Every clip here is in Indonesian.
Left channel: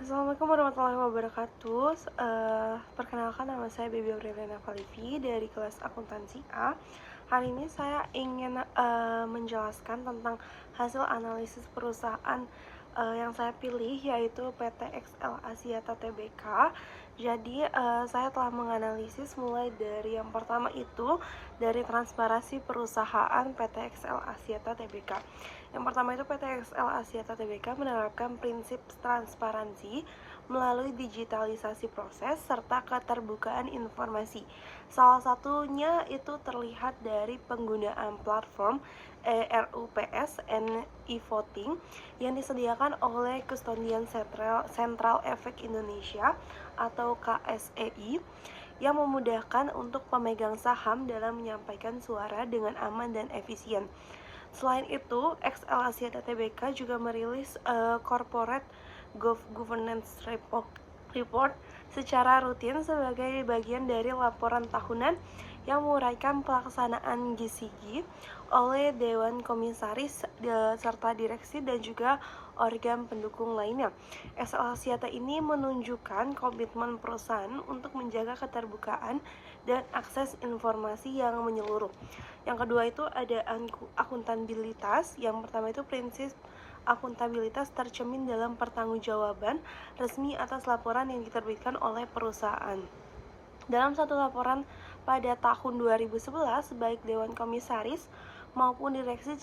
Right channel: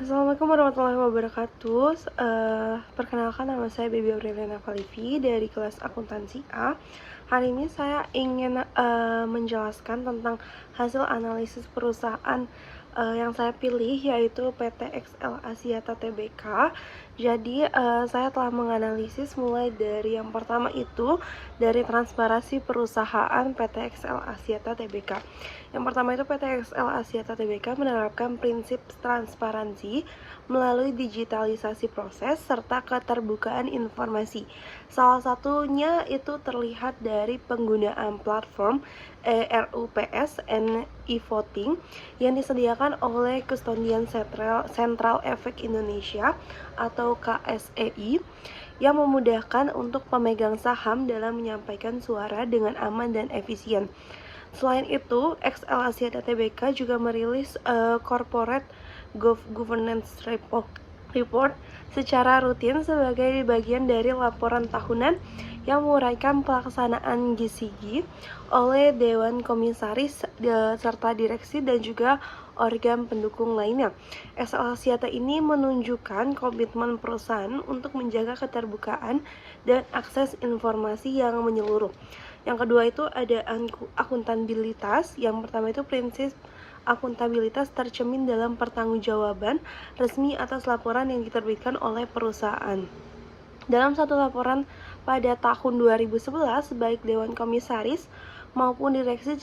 Assalamualaikum warahmatullahi wabarakatuh. Perkenalkan, nama saya Baby Aureliana Falivi dari kelas akuntansi A. Hari ini saya ingin menjelaskan tentang hasil analisis perusahaan yang saya pilih, yaitu PT XL Axiata Tbk. Jadi saya telah menganalisis mulai dari yang pertama itu dari transparansi perusahaan PT XL Axiata Tbk. Yang pertama itu PT XL Axiata Tbk menerapkan prinsip transparansi melalui digitalisasi proses serta keterbukaan informasi. Salah satunya itu terlihat dari penggunaan platform RUPS and e-voting yang disediakan oleh Kustodian Sentral Efek Indonesia atau KSEI, yang memudahkan untuk pemegang saham dalam menyampaikan suara dengan aman dan efisien. Selain itu, XL Axiata Tbk juga merilis Corporate Governance Report secara rutin sebagai bagian dari laporan tahunan yang menguraikan pelaksanaan GCG oleh Dewan Komisaris serta direksi dan juga organ pendukung lainnya. XL Axiata ini menunjukkan komitmen perusahaan untuk menjaga keterbukaan dan akses informasi yang menyeluruh. Yang kedua itu ada akuntabilitas. Yang pertama itu prinsip akuntabilitas tercermin dalam pertanggungjawaban resmi atas laporan yang diterbitkan oleh perusahaan. Dalam satu laporan pada tahun 2011, baik Dewan Komisaris maupun direksi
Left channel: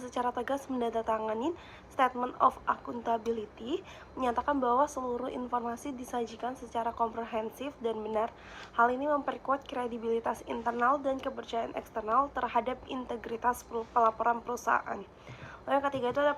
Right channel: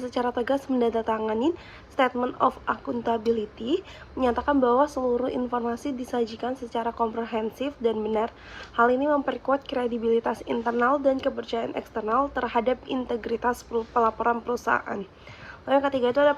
secara tegas menandatangani Statement of Accountability, menyatakan bahwa seluruh informasi disajikan secara komprehensif dan benar. Hal ini memperkuat kredibilitas internal dan kepercayaan eksternal terhadap integritas pelaporan perusahaan. Lalu yang ketiga itu ada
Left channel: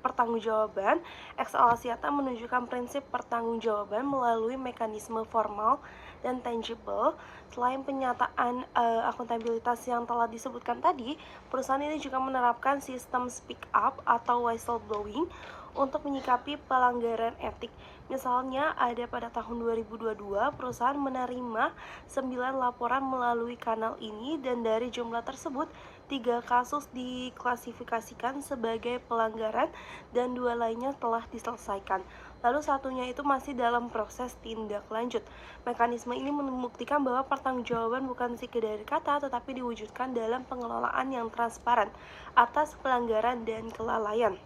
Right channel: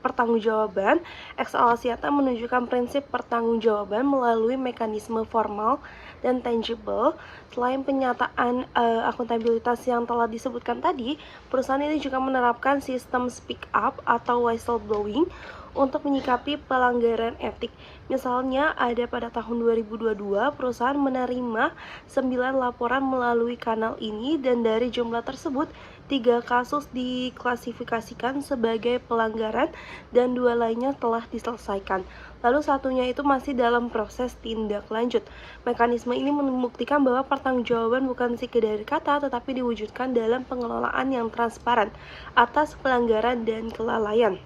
pertanggungjawaban. XL Axiata menunjukkan prinsip pertanggungjawaban melalui mekanisme formal dan tangible. Selain penyataan akuntabilitas yang telah disebutkan tadi, perusahaan ini juga menerapkan sistem speak up atau whistleblowing untuk menyikapi pelanggaran etik. Misalnya ada pada tahun 2022 perusahaan menerima 9 laporan melalui kanal ini, dan dari jumlah tersebut 3 kasus diklasifikasikan sebagai pelanggaran dan 2 lainnya telah diselesaikan. Lalu satunya itu masih dalam proses tindak lanjut. Mekanisme ini membuktikan bahwa pertanggungjawaban bukan sekedar kata, tetapi diwujudkan dalam pengelolaan yang transparan atas pelanggaran dan kelalaian.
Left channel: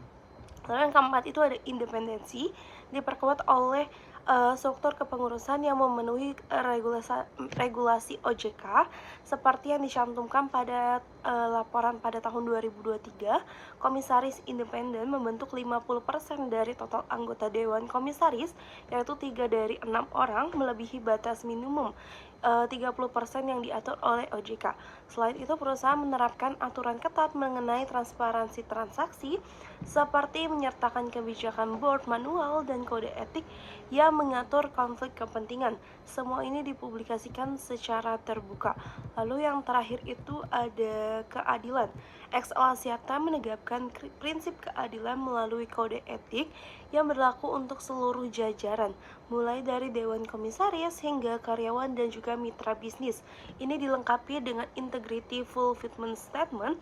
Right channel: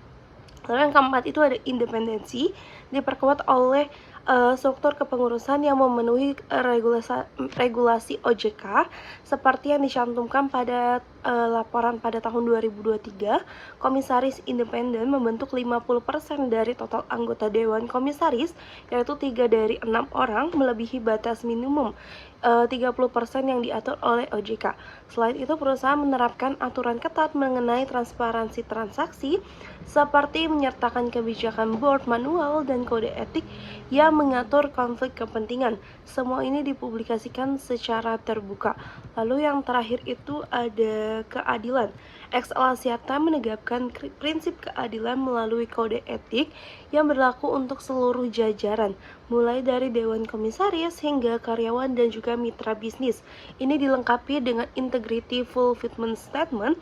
Lalu yang keempat itu ada independensi, diperkuat oleh struktur kepengurusan yang memenuhi regulasi OJK seperti yang dicantumkan pada laporan pada tahun 2023. Komisaris independen membentuk 50% dari total anggota Dewan Komisaris, yaitu 3 dari 6 orang, melebihi batas minimum 30% yang diatur oleh OJK. Selain itu, perusahaan menerapkan aturan ketat mengenai transparansi transaksi seperti menyertakan kebijakan board, manual, dan kode etik yang mengatur konflik kepentingan. Semua ini dipublikasikan secara terbuka. Lalu yang terakhir itu ada keadilan. XL Axiata menegakkan prinsip keadilan melalui kode etik yang berlaku untuk seluruh jajaran, mulai dari Dewan Komisaris hingga karyawan dan juga mitra bisnis. Ini dilengkapi dengan Integrity Fulfillment Statement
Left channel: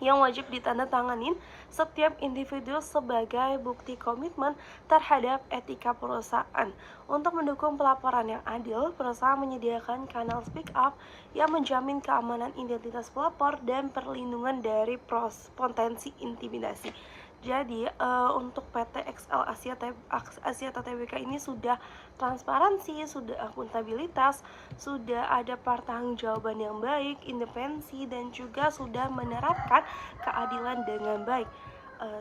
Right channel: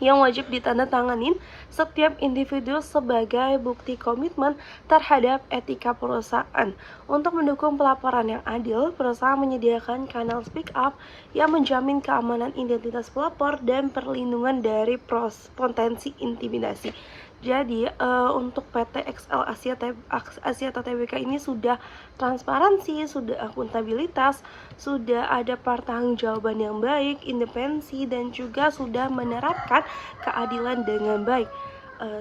yang wajib ditandatanganin setiap individu sebagai bukti komitmen terhadap etika perusahaan. Untuk mendukung pelaporan yang adil, perusahaan menyediakan kanal speak up yang menjamin keamanan identitas pelapor dan perlindungan dari potensi intimidasi. Jadi untuk PT XL Axiata Tbk ini sudah transparansi, sudah akuntabilitas, sudah ada pertanggungjawaban yang baik, independensi, dan juga sudah menerapkan keadilan dengan baik.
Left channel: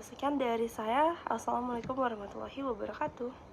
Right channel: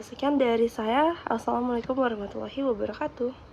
Sekian dari saya. Assalamualaikum warahmatullahi wabarakatuh.